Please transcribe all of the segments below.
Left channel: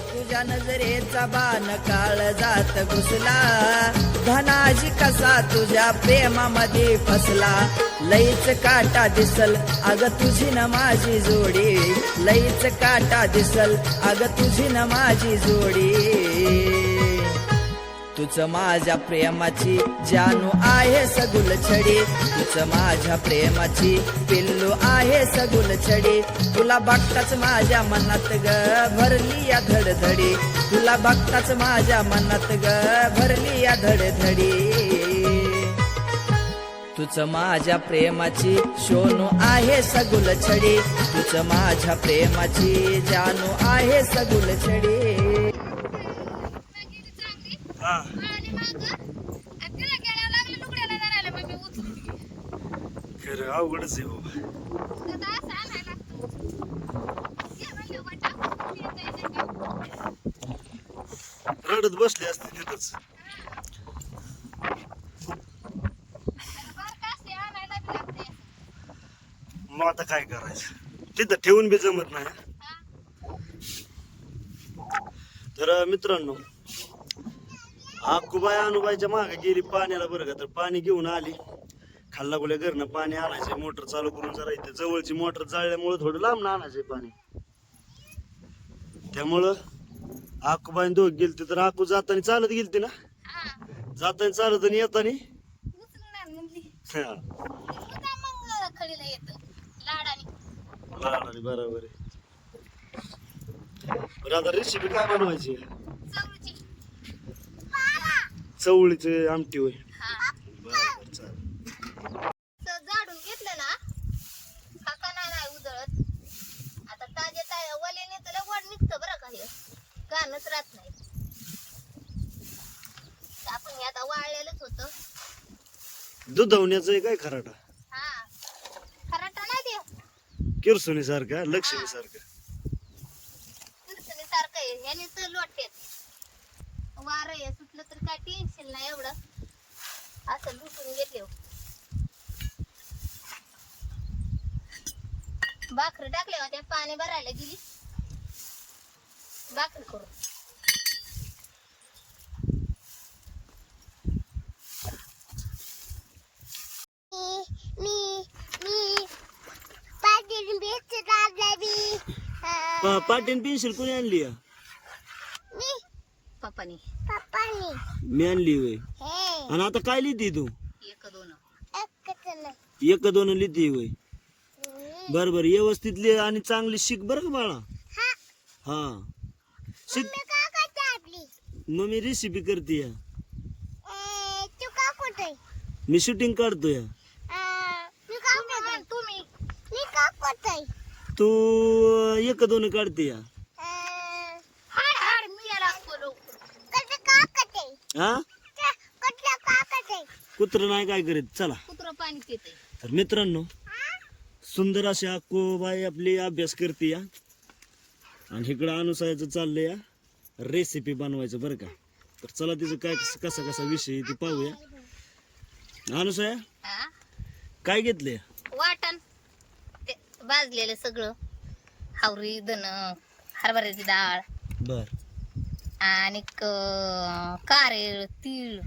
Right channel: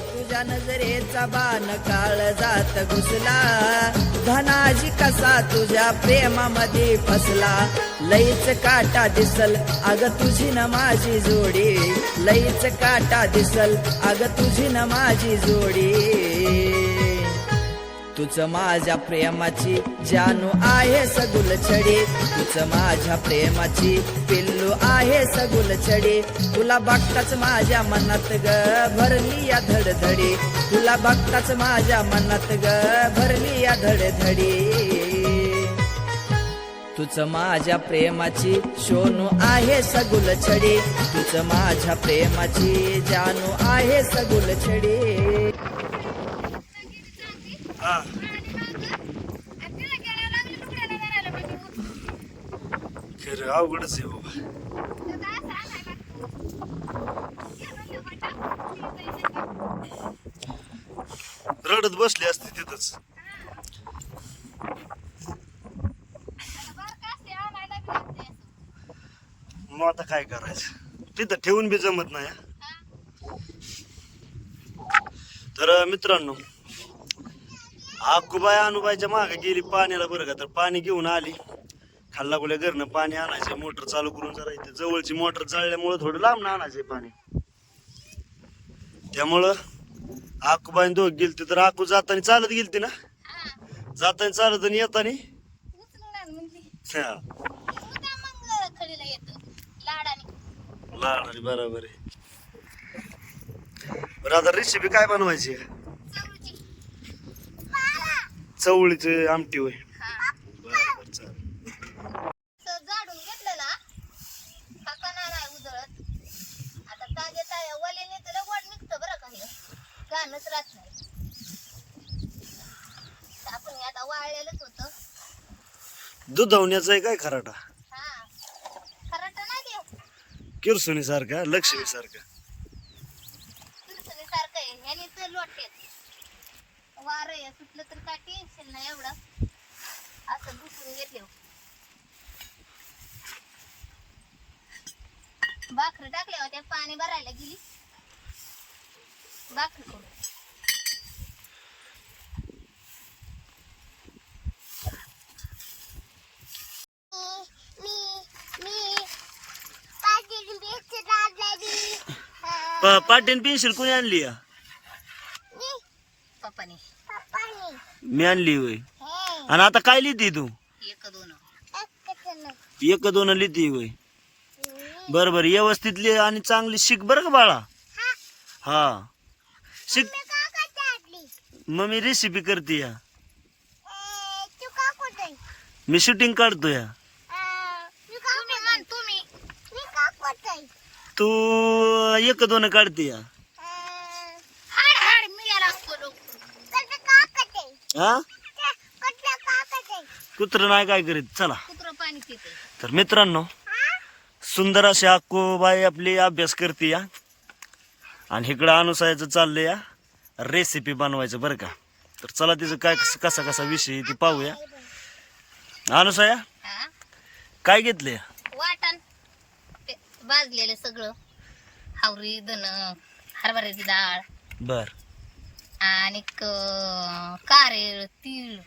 तुझ्या नजरेचा बाण काळ जात घुसला. धनाजी कसा तुझ्या प्रेमामध्ये फसला. लईच काटा दिसल अग तुझी न माझी जोडी. लईच काटा दिसल अग तुझी न माझी जोडी. तुझ माझ्या प्रेमाची जानू आहे सगुल छडी. तुझ माझ्या प्रेमाची पिल्लू आहे सगुल छडी. तुला बघताच माझ्या मनात ग भरली या धडधडी. तुला बघताच माझ्या मनात ग भरली या धडधडी. तुझ माझ्या प्रेमाची सोनू आहे सगुल छडी. तुझ माझ्या प्रेमाची जानू आहे सगुल छडी. खरं अवघडच आहे बाबा. रडत बसली असते तिथंच. मग आता काय करायचं? तिथं ठेवून बी जमत नाही. तर मित्रांनो आकुबाई अनुबाईच्या मागे गेली पाण्याला बरं का तर पाणी घेऊन आली. खाल्ला गुल्या घरनं पाणी आणायचंय मोटर चालू करून जरा इथे जवळची मोटर जळल्यामुळं थोडं लांब आणायचंय पाणी. त्यामुळं आकुबाई दोघ गेलती तर आकू जाताना चालत गेलती ना? जाताना चालत आणि येताना? हा, लहान बरोबर आहे. बरं आता रेसिपी काय बनवायची? चवळीची आमटी होय. बरं बरं चालेल. झाडून घेतलं ना काका नाही नाही उधळत. आता ताज्या वल्याने निघतं बरं का हे. घाणच राहत नाही. आपण हे आता वाळलेलंच होतं. दुधावण्याचं आहे काय खराटा? हा. खराटा नाही ते किरसुनी सारखा लक्ष्मी सारखा किरसनी सारखं आहे याने तर लोटेत वारं आहे सुटलं तर काय टेन्शन नाही एवढं. असं दुसून घेतले. भाकरी टाकल्या होत्या पाणी भरायला गेली. भाकरी करू. मी मी पाटील बेच लागली पा पाटीन पेन्सिल कोणी आणली या? मी आणली होय. आणि आता काय लिहिती तू? एक दोन लिहिती होय. बर बर. व्यवस्थित लिह आणि चांगली शिक बर का बाळा? हा. शिक. मग मी रेसिपी करते या. मी शूटिंग काढतो या. तू एक दोन काढते या हाड हाड मी याला असतो कसं का कटे हा? कुत्र नाही काय करीत? चला. कुत्र पाणी पिते तर मित्रांनो सुंदर अशी अक्कूबाई आपली अभ्यास करते या. आणि इकडं अनुसायाचं चाललंय या. रेसिपी बनवायचं बरं का. तर चला तिचं काय कसं कसा कसा विषय ती पाहूया. अनुसाया हा? काय घेतले वाटण. ते भाजलेलं सगळं. हावरी दन हरभऱ्याची डाळ. बर. आणि कारेळ तीळ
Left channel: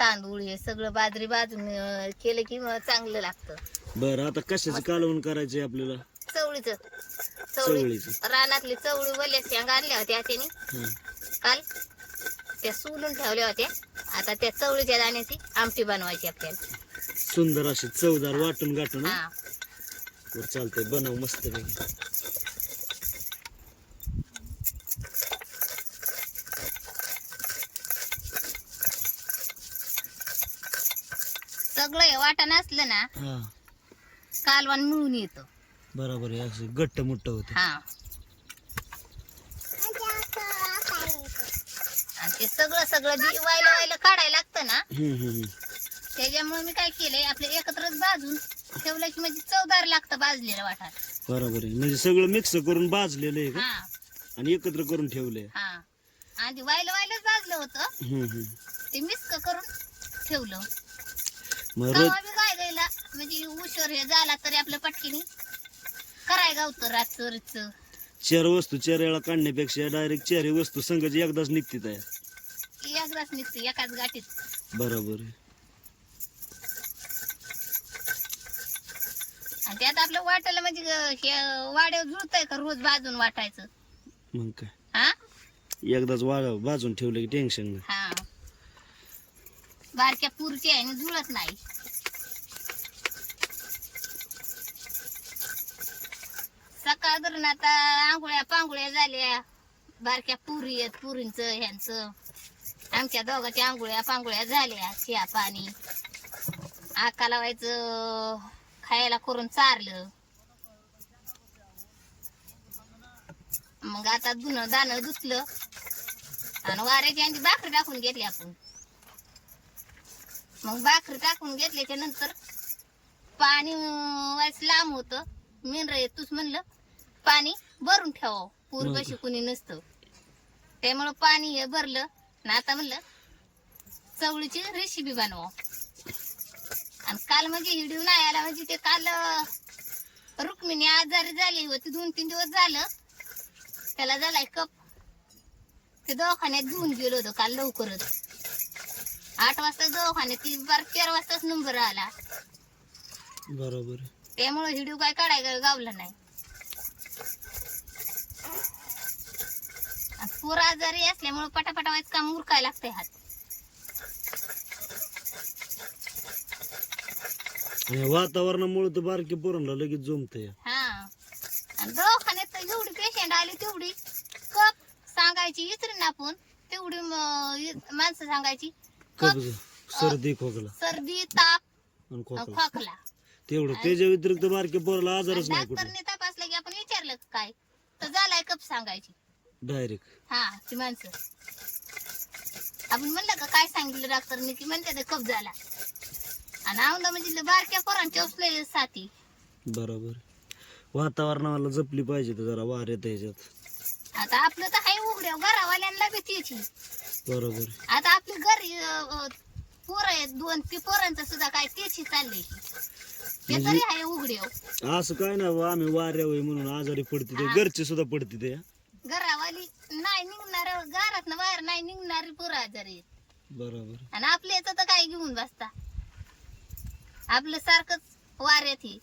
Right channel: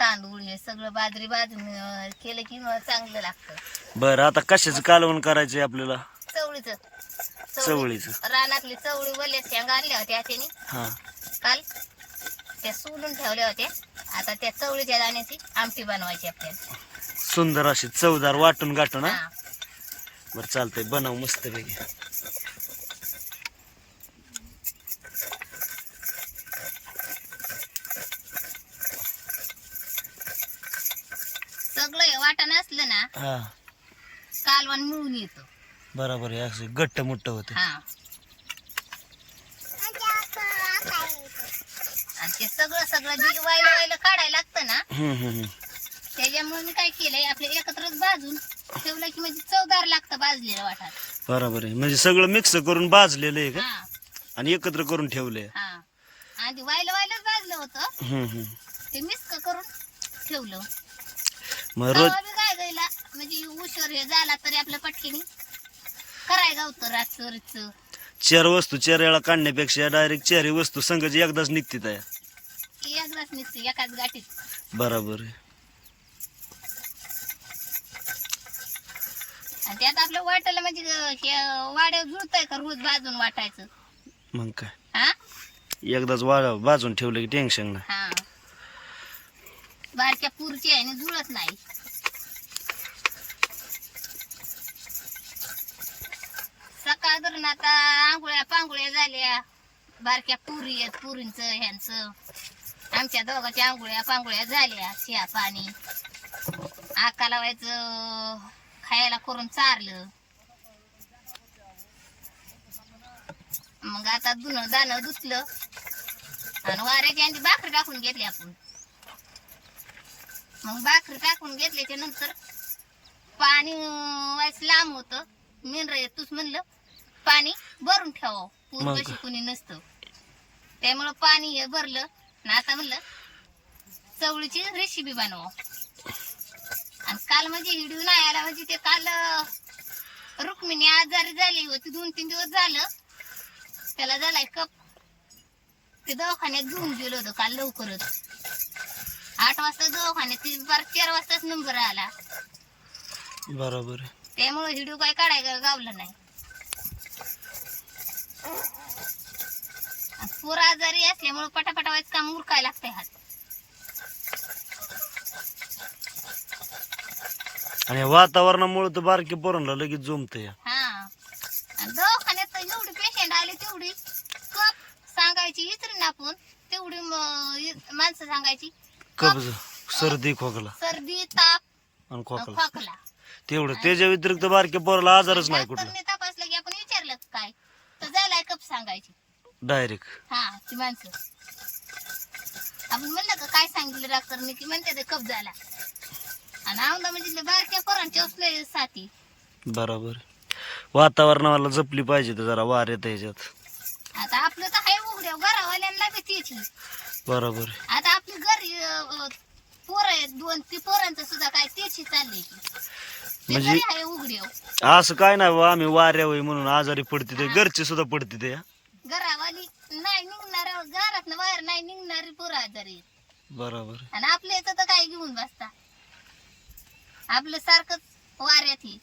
तांदूळ हे सगळं बाजरी भाजून अं, केलं की मग चांगलं लागतं. बर आता कशाचं कालवण करायचंय आपल्याला? चवळीचं. चवळीचं. रानातली चवळी वल्या शेंगा आणल्या होत्या त्याने हा. काल त्या सोलून ठेवल्या होत्या. आता त्या चवळीच्या दाण्याची आमटी बनवायची आपल्याला. सुंदर अशी चवदार वाटून गाठून बरं चालतंय. बनव मस्त पैकी सगळं हे वाटण असलं ना हा. कालवण मिळून येतं. बरोबर आहे असं गट्ट मुट्ट होतं. हा. आणि ते सगळं सगळं जी वायलं वायलं काढायला लागतं ना हम्म, हम्म, हम्म. त्याच्यामुळे मी काय केलंय आपले एकत्रच भाजून ठेवलं की म्हणजे चवदार लागतं भाजलेलं वाटण. बरोबर आहे. म्हणजे सगळं मिक्स करून भाजलेलं आहे का? हा. आणि एकत्र करून ठेवलंय. हा. आधी वायलं वायलंच भाजलं होतं. हम्म, हम्म. ते मिक्स करून ठेवलं. मग रोज तवा बी काय गायला म्हणजे उशीर हे झाला तरी आपल्या पटकीने करायचं होतं रातचं चार वस्तू वेळा काढण्यापेक्षा डायरेक्ट चारही वस्तू संघाची एकदाच निघते त्या एकदाच निघते एकाच गाठीत. बरोबर आहे. आणि त्यात आपलं वाटायला म्हणजे हे वाड्या जुळतंय का रोज बाजून वाटायचं? मग काय? हा? एकदाच वा बाजून ठेवलं की टेन्शन नाही. हा. बारक्या पुरची आहे आणि जुळत नाही. सकाळ धरून आता आंघोळ्या पांघोळ्या झाल्या. बारक्या पुरी आहेत पुरींच ह्यांचं. आमच्या दोघांच्या आंघोळ्या पांघोळ्या झाल्या शिया पाणी. आका लावायचं खायला करून चारलं. मग आता धुणं दाणं धुतलं. आणि वाऱ्याची आणि भाकरी टाकून घेतली आपण. मग भाकरी टाकून घेतल्याच्या नंतर पाणी व्हायचं लांब होतं. मिनर तूच म्हणलं पाणी भरून ठेवावं. पूर? कशी कुणी नसतं. त्यामुळं पाणी हे भरलं. आणि आता म्हणलं चवळीची रेसिपी बनवा आणि काल म्हणजे हिडिओ नाही आला म्हणजे ते काल रुक्मिणी आजारी झाली. होती दोन तीन दिवस झालं. त्याला झालाय कप. ते दवाखान्यात घेऊन गेलो होतो काल लवकरच. आठ वाजता दवाखान्यात ती बार चार वाजताच नंबर आला. बरोबर. आहे त्यामुळे व्हिडिओ काय काढायला गावला नाही. पोर आजारी असल्यामुळे पटापटा व्हायचं काम उरकायला लागतंय हात. आणि वातावरणामुळे तर बारकी पोरांना लगेच जमतंय. हा. आणि दवाखान्यात तर जेवढी पेशंट आले तेवढी. कप सांगायची विचारून आपण तेवढी म- माणसं सांगायची कब्ज सर्दी खोकला. सर्दी ताप आणि खोकला. खोकला. तेवढं. त्याच्या व्यतिरिक्त बारक्या पोराला आजारच नाही कुठला डॉक्टरने तपासलं की आपण विचारलं काय? तर झालाय कप सांगायची. डायरेक्ट हा ती माणसं. आपण म्हणलं का काय सांगितलं डॉक्टरने? की म्हणते ते कप झाला. आणि आमदा म्हणजे बारक्या पोरांच्या उचले साथी. बरोबर. वातावरणाला जपली पाहिजे तर जरा वार येत ह्याच्यात. आता आपलं तर आहे उघड्या घरावाल्यांना बी त्याची बरोबर. आता आपली पोरं आहेत दोन ती पोरांचं सुद्धा काय त्याची चाललंय. ते म्हणजे- आहे उघड्या असं काय नाही बा आम्ही वाऱ्यावय म्हणून आजारी पडते ते घरचे सुद्धा पडते ते. घरावाली नाही निघणार घरात बाहेर नाही निघणारी पोरं आजारी आहेत. बरोबर. आणि आपल्या याचं तर काय घेऊन बसता? आपलं सारखंच वाऱ्यात हे.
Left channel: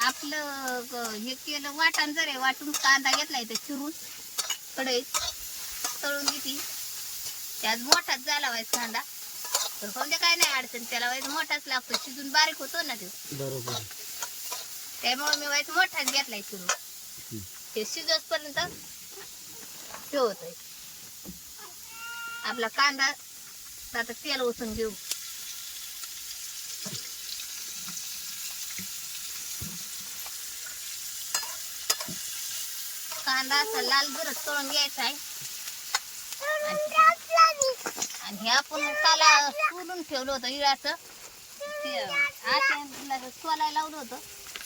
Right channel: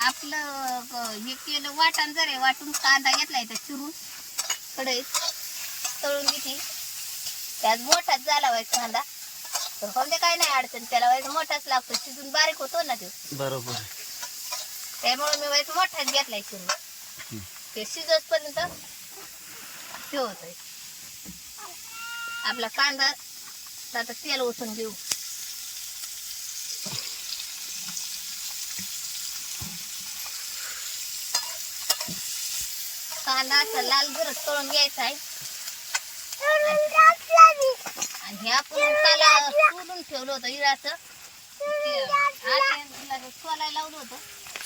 आपलं ग- हे केलं वाटण जरे वाटून कांदा घेतलाय तर चिरून. कढईत तळून घेतली. त्यात मोठाच झाला व्हायचा कांदा तर कोणत्या काही नाही अडचण. त्याला व्हायचं मोठाच लागतो. शिजून बारीक होतो ना तो. बरोबर. त्यामुळे मी व्हायचं मोठाच घेतलाय चिरून ते शिजोसपर्यंत हे होतंय. आपला कांदा आता तेल ओतून घेऊ. कांदा असा लाल गरज तळून घ्यायचा आहे. आणि हे आपण काल सोलून ठेवलं होतं इळाचं ते आत्याला सोलायला लावलं होतं.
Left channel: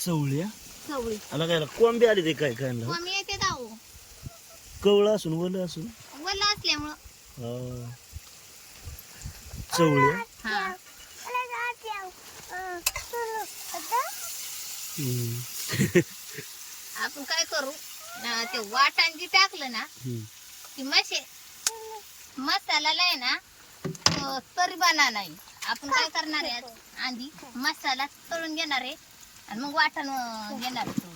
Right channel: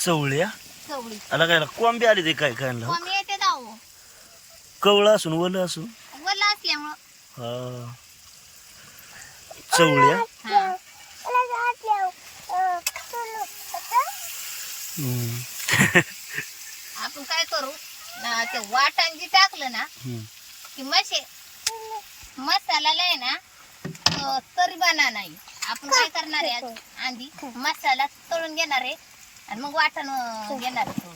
चवळ्या चवळी. आला काय कोंबी आली ते काय काय कमी येते दाऊ कवळं असून वलं असून? वल्ला असल्यामुळं. हा. चवळ्या हा? हम्म. आपण काय करू अं, ते वाटण जी टाकलं ना हम्म. की मशे मसाल्याला आहे ना तरी बना नाही आपण काय करणार आहे आज? आधी मसाला तळून घेणार आहे आणि मग वाटण अं, घेणार आहे.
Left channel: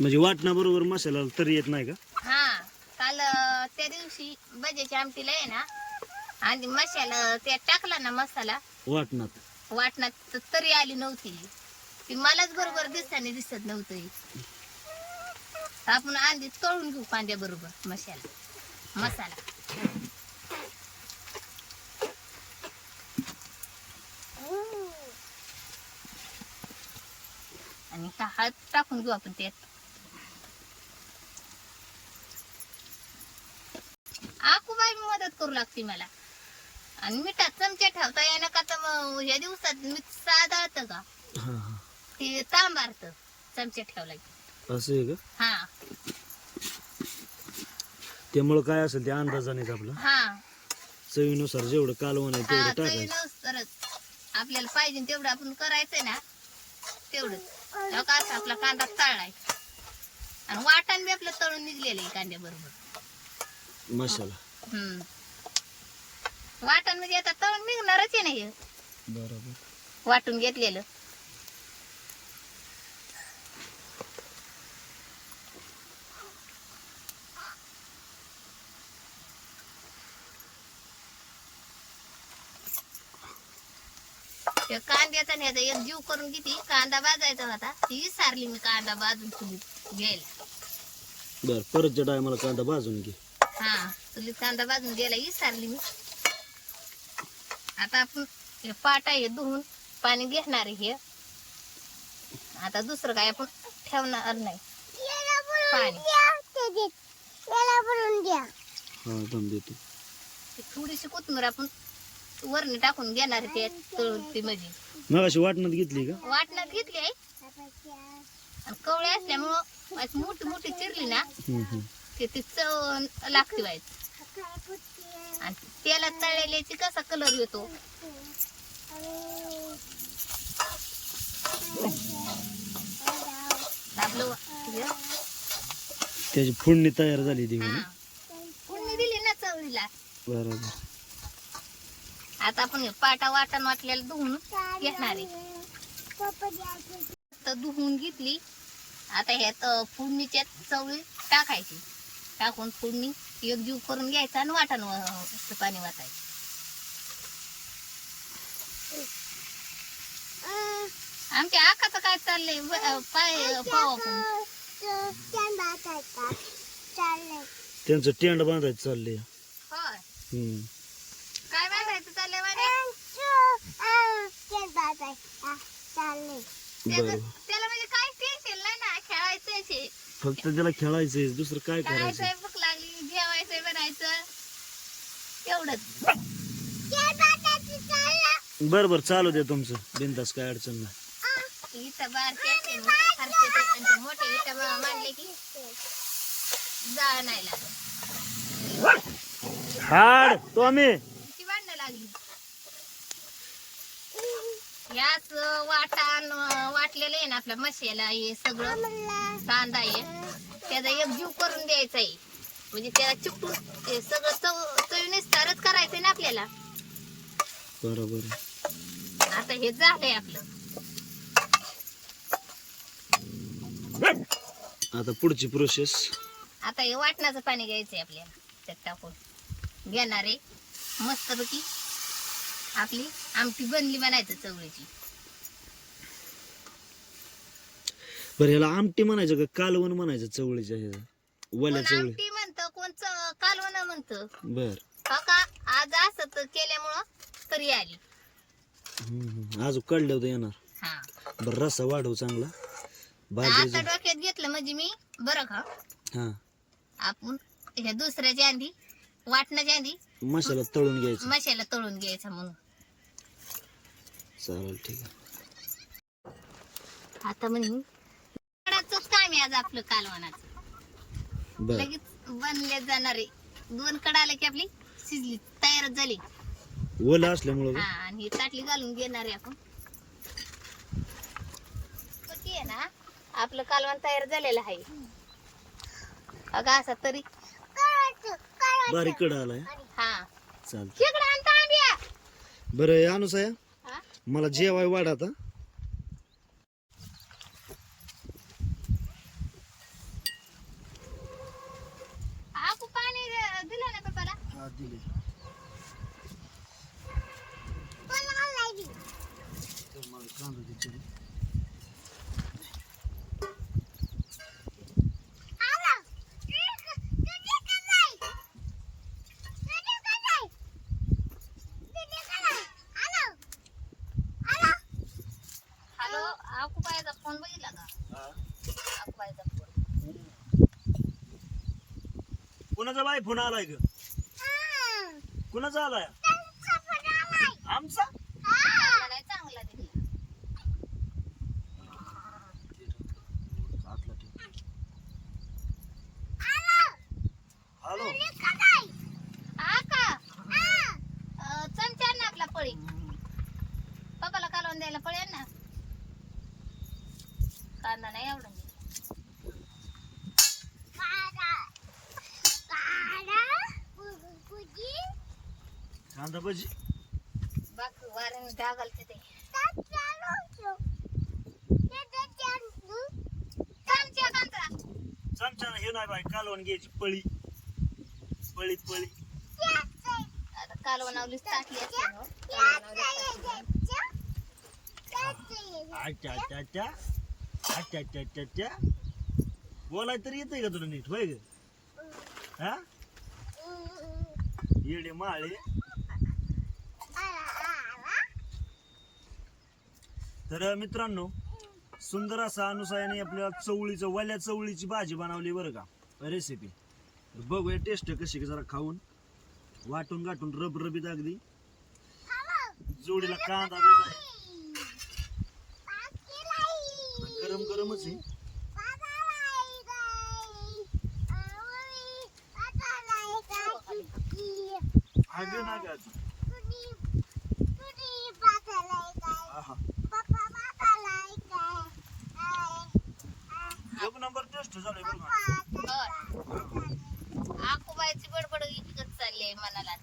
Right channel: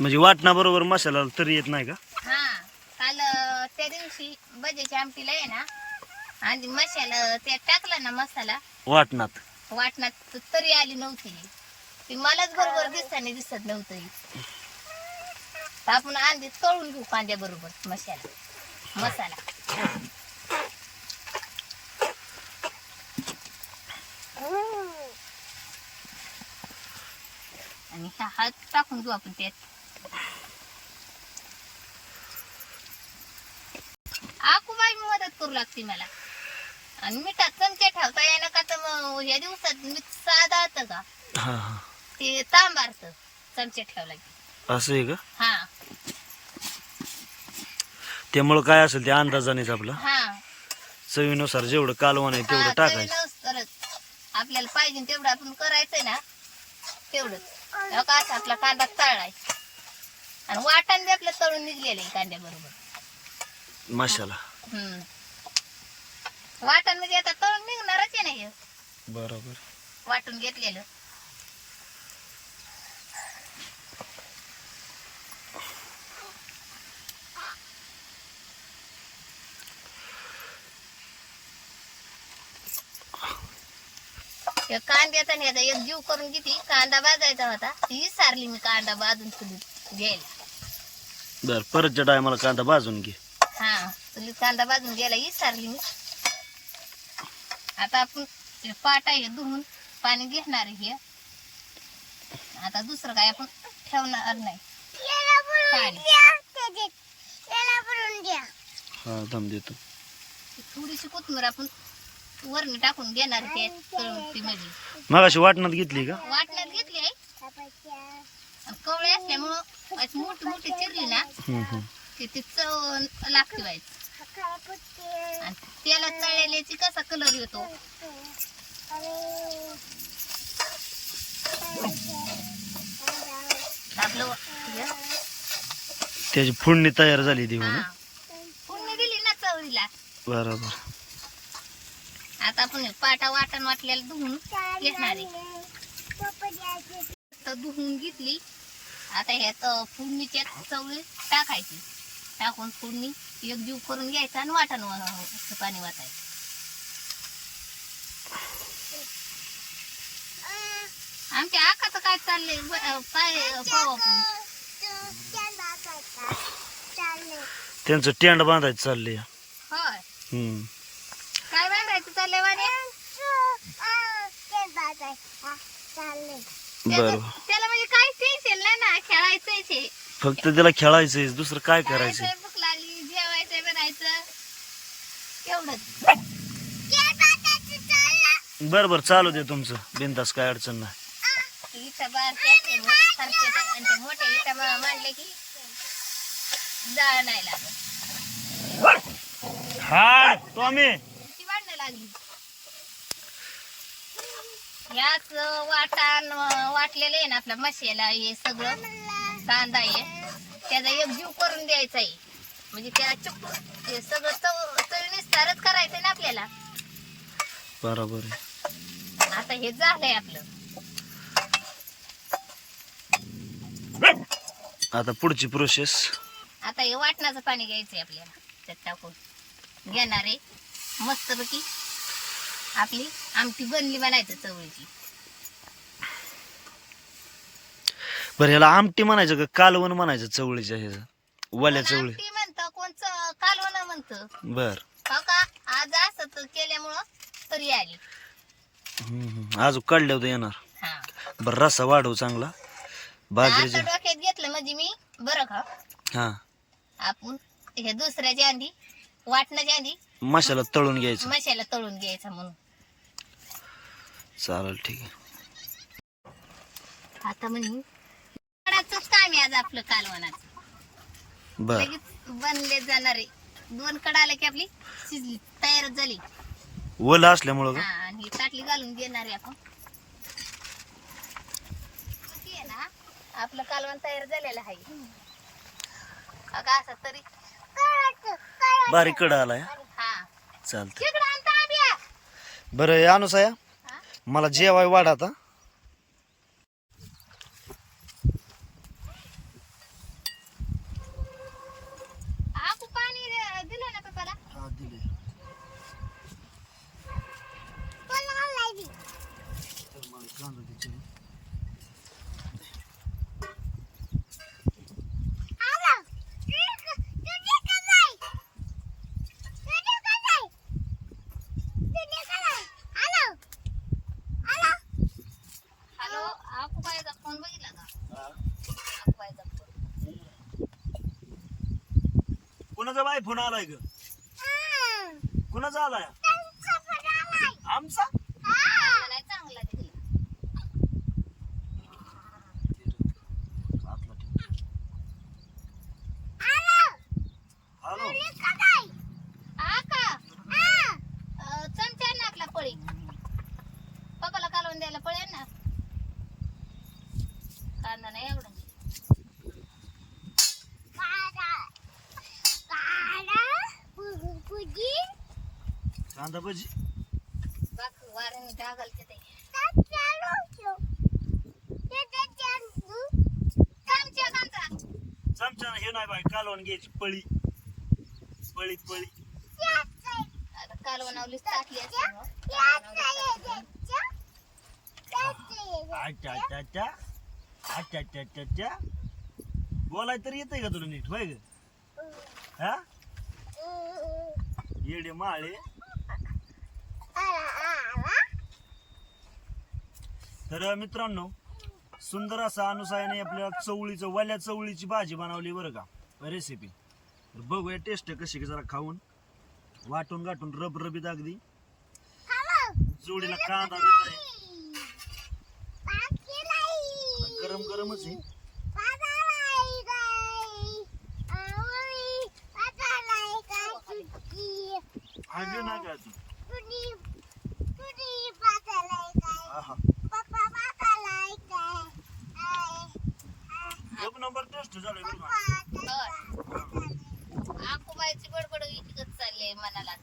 म्हणजे वाटणा बरोबर मसाला तरी येत नाही का? हा काल अं, त्या दिवशी बजेच्या आमटीला आहे ना आधी मसाला ते टाकला ना मसाला वाटणात. वाटणात तर तरी आली नव्हती. ती मलाच बरोबर दिसताना दिसत नव्हतं. तर आपण आधी तळून घेऊ कांद्या बरोबर मसाला मसाला. आणि हा हळद टाकून घेऊ आपण त्यात आकूबाई मदत करू लागते मला आणि मिठात चमचे ठेवता येणं का तर मग या दिवसात मीठ साधात का ते तांबारत चमचे ठेवला असं आहे का हा त्यामुळं काय असेल ते अंदाजानेच आपला. हा. चवीनुसार जेवढं कालवण आहे तेवढं हा, टाकायचं. आपल्याला पाहिजे तेवढं आपण करायचंय ना का असा आपला कांदा तळलाय. आणि वाटण बी आपलं तळून निघलेलं आहे कांद्या बरोबर मसाला वाटण म्हणजे आता तळून निघणारच आहे ना हे. बरोबर. वाटून घेतलेलं. त्या कांद्याचा नाही आता एक जीव करून किती कांदा भाजायचा होता ती सारली मी कांदा भाजून चुलीत घ्यायला. बर परतच्या टायमाला कांदा भाजून घे. हा चुलीत कांदा भाजून घ्यायला ही सारली मी. आता आपण हे पाट आहे धुवून पाणी घेणार आहे हे. आता दुसरं काय आपण ठेवणार नाही. पाणी. हा दम देतो. थोडीशी कोथिंबीर आपण वरणी टाकून घेणार ते तळून ती म्हणजे. मगाशी वाटणात घेतली का? वाटण्यात घेतली आहे आणि कवळे असल्यामुळं अशी मोठी मोठी चिरली ना हम्म, हम्म. ते ती चव लागते व्हायचं आणि त्याला तळलेल्याची कसा कलर येतो? आपलं हे, त्याची फोडणी तयार झाली ती हा. फोडणी दिली ना चवळीला. बरोबर आता आपण हे पाटा वाटण वाटलेला धुवून घेणार आहे. तर धुवून घेतली. आता ह्यात फोडणीच्या चवळी टाकायची. टाकून फोडणी एकजीव करून घ्यायचा आणि वाटण पाणी वाटायचं आमच्या आकाचं काय चाललंय? पाय पाव आपण त्यांचं टेंड बांधायचं चाललंय. होय हम्म काय बांधायचं चाललंय वाणे त्याला म्हणजे काय टेन्शन नाही ना खेळायचंय फक्त त्याला खेळायचंय दुसरं काय करायचं खायचंय, भूक लागली जेवायचंय बनायचं. एवढंच. बर बर चालू दे तुमचं. बिंदास काय अडचण नाही. इथं बारके मोठे इथं मांडले की जाळ नाही लागत. हाड तो आम्ही ती वाढणं लागली याच वाटण वाटलेलं आहे ना आपल्या मशाला हे सगळं कांदा आहे. त्याचा एक जीव करून द्यायचा आहे. म्हणजे त्याला चिपटून हे सगळं चव चवीनुसारच करायचंय ना आपल्याला. बरोबर आहे. आता हे झालंय आपलं. आता पुढची प्रोसेस आता हे वाटणाचं पाणी घ्यायचंय आपल्याला. त्यात टाकून. घेणार आहे. मस्तपैकी आपली आमटी बनली म्हणायचं चवळीची. बरं ह्याला आमटी म्हणायचं का कालवण म्हणायचं चवळीच्या ह्याचं? वल्या चवळी. आमटी म्हणतं कोणचं कालवण म्हणतं. बर. हो का? आज असं तर केल्यामुळं तरी आली. अजून काढल्या होतं येणार. हा. बरं रस्सा वाढव चांगला. आता बाजरीचे डोक्यात घेतलं म्हणजे मी बरं का? हा. आपण हे दुसऱ्याच्या आधी वाटण्याच्या आधी मसाला तळून घ्यायचा. मशाला तळून घ्यायचा म्हणून. चालेल ठीक आहे. आता म्हणजे काम आहे आज आपलं कालवणाचं बर. लगेच बनले जाणारे. दोन कड आलं की आपली शिजली तयारच झाली. ओलं असल्यामुळं हा आणि ही ताटली घालून आहे आपण. किती आहे ना आपलं कालवण तयार झालेलं आहे. अगं असा तरी. बारीक कड आलाय. हा. चालतं इकडं. बरं अनुसाया? मला जेवाय वाढ आता. दिलं ना पप्पाला हा दिले हॅलो आकुबाईचा फोन बघितला का आकुबाईचा फोन कुणाचा बाय फोन आलाय ग? कुणाचा आलाय? आमचा? नाही चांगला दिला हॅलो. आका अं, चमचा आण ना आपला पळी बघा कालवून द्यायला पळेल ना? कांदा नाही एवढा कांदा भजी बाक वाऱ्याने डागालते ते चमचा हे नाही कालवण घ्यायची पळी. पळी पळी. आता. कालवणावलीच टाकली. अच्छा अच्छा अच्छा अच्छा अच्छा अच्छा अच्छा बोलाय तर येतंय का तुला नीट? होय ग? हा? येडे माळे. तर मित्रांनो सुंदर असा अनुसायाने आपल्याला चवळीचं वल्या चवळीची भाजी बनवली बरं का रेसिपी तर बघूया टेस्ट कशी जरा खाऊन. वाटून गाठून रब रबीत अगदी. जोडीला कांदा बिंदा आहे. गरम गरमच आहे. हागे नाही काय अजून आहा. एक नंबर टेस्ट झालंय बरं का होय. आकुबाईची बडबड इतकंच चालली आहे मनाला